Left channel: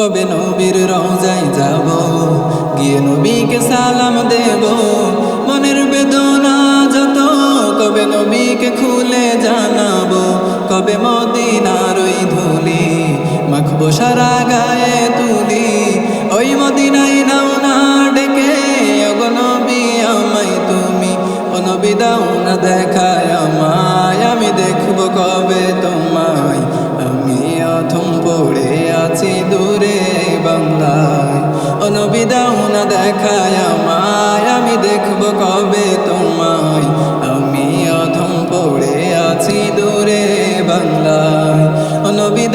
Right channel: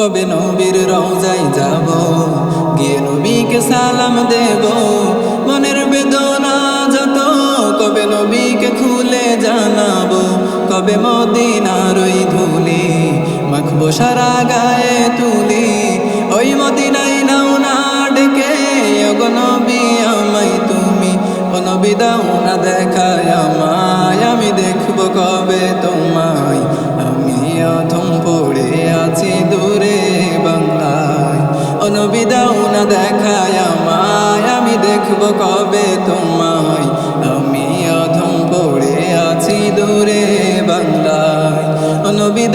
কবে নবীর রওজাই যাব। গিয়ে নবীকে সালাম দেব। মনের বেদনা যত, কবে নবীকে খুলে জানাব। কবে মদিনার ওই ধুলি, মাখবো সারা গায়ে তুলি। ওই মদিনাই নাও না ডেকে ওগো নবী আমায় তুমি ও নবী, দাও না দেখায় আমায়। আমি দেখব কবে তোমায়। আমি অধম পড়ে আছি দূরে বাংলায়। ও নবী না দেখায় আমায়। আমি দেখব কবে তোমায়। আমি অধম পড়ে আছি দূরে বাংলায়। ও নবী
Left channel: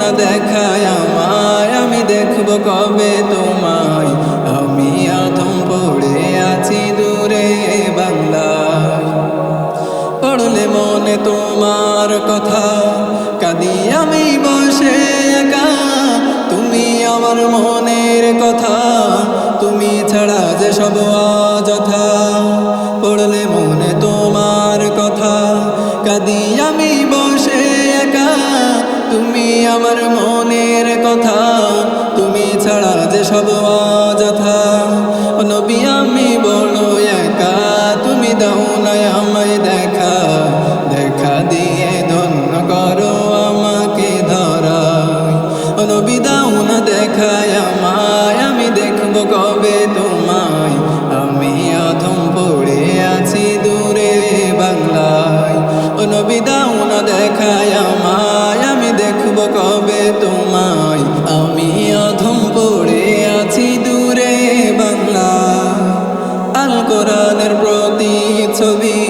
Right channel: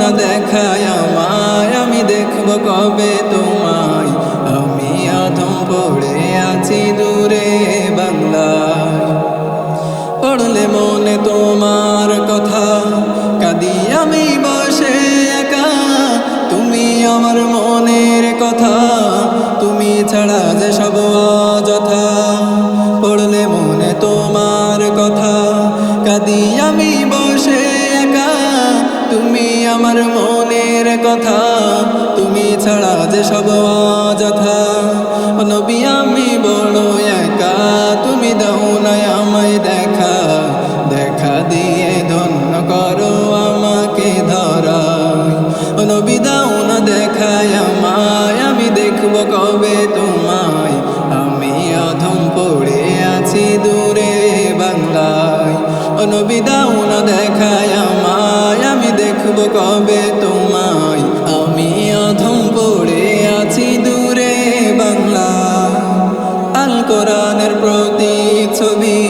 না দেখায় আমায়। আমি দেখব কবে তোমায়। আমি অধম পড়ে আছি দূরে বাংলায়। পড়লে মনে তোমার কথা, কাদি আমি বসে একা। তুমি আমার মনের কথা, তুমি ছাড়া যে সব অযথা। পড়লে মনে তোমার কথা, কাদি আমি বসে একা। তুমি আমার মনের কথা ছাড়া যে সব অযথা। ও নবী, আমি বড় একা। তুমি দাও না আমায় দেখা। দেখা দিয়ে ধন্য করো আমাকে ধরাই ও নবী, দাও না দেখায় আমায়। আমি দেখব কবে তোমায়। আমি অধম পড়ে আছি দূরে বাংলায়। নবী, দাও না দেখায় আমায়। আমি দেখব কবে তোমায়। কোরআনের প্রতি ছবি,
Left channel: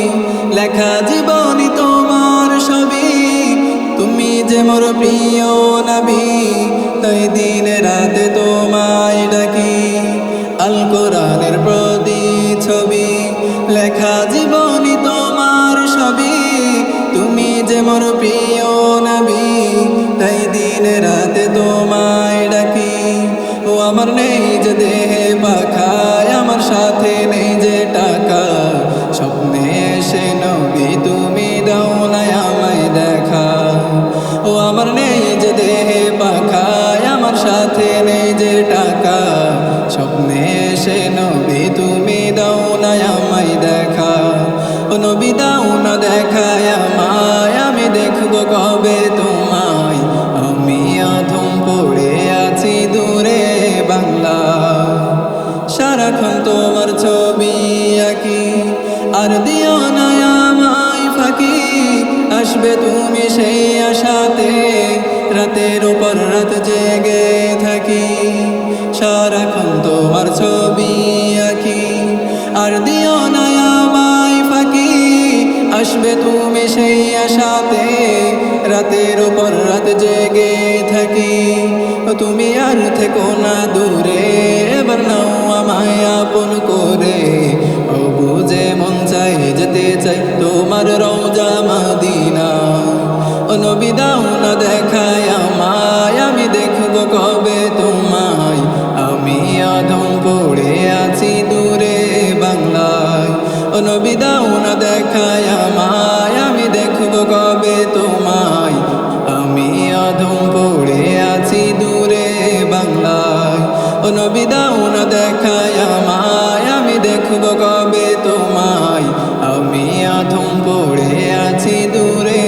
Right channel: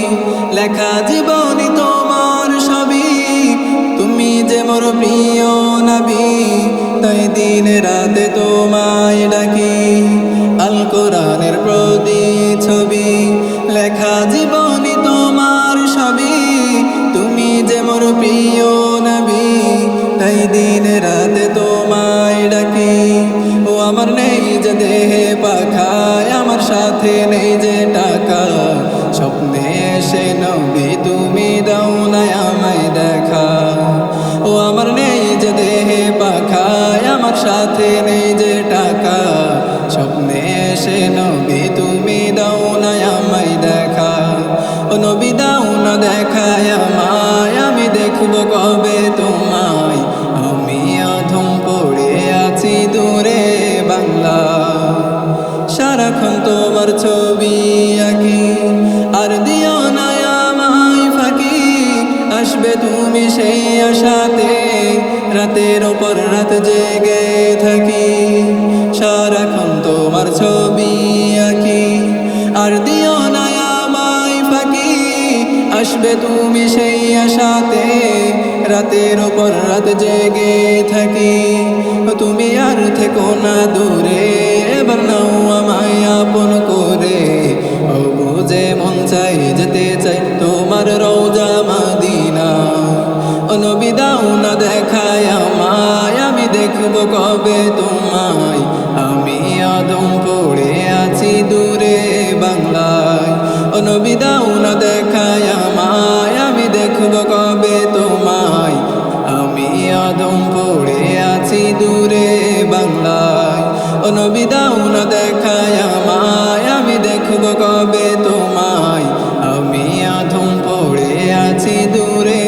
লেখা জীবনী তোমার ছবি তুমি যে মোর প্রিয় নাবি, তাই দিন রাতে তোমায় ডাকি। আল কোরআনের প্রতি ছবি, লেখা জীবনী তোমার ছবি তুমি যে মোর প্রিয় নাবি, তাই দিন রাতে তোমায় ডাকি। আমার নেই যে দেহে পাখায় আমার সাথে নেই যে টাকা। স্বপ্নে এসে নবী, তুমি না আমায় দেখা। ও আমার নেই যে দেহে পাখায় আমার সাথে নেই যে টাকা। স্বপ্নে এসে নবী, তুমি না আমায় দেখা। নবী, দাও না দেখায় আমায় আমি দেখব কবে তোমায়। আমি অধম পড়ে আছি দূরে বাংলা। সারাক্ষণ তোমার ছবি আঁকি, আর দিও না ফাঁকি। আসবে তুমি সেই আশাতে, রাতের ওপর রাত জেগে থাকি। সারাক্ষণ তোমার ছবি আঁকি, আর দিও না ফাঁকি আসবে তুমি সেই আশাতে, রাতের ওপর রাত জেগে থাকি। তুমি আর থেকো না দূরে, এবার নাও আমায় আপন করে। ও বুঝে মন চাই, যেতে চাই, তোমার রওজা মাদিনা। ও নবী, দাও না দেখায় আমায়, আমি দেখব কবে তোমায়। আমি অধম পড়ে আছি দূরে বাংলায়। ও না দেখায় আমায়, আমি দেখব কবে তোমায়। আমি অধম পড়ে আছি দূরে বাংলায়। ও না দেখায় আমায়, আমি দেখব কবে তোমায়। আমি অধম পড়ে আছি দূরে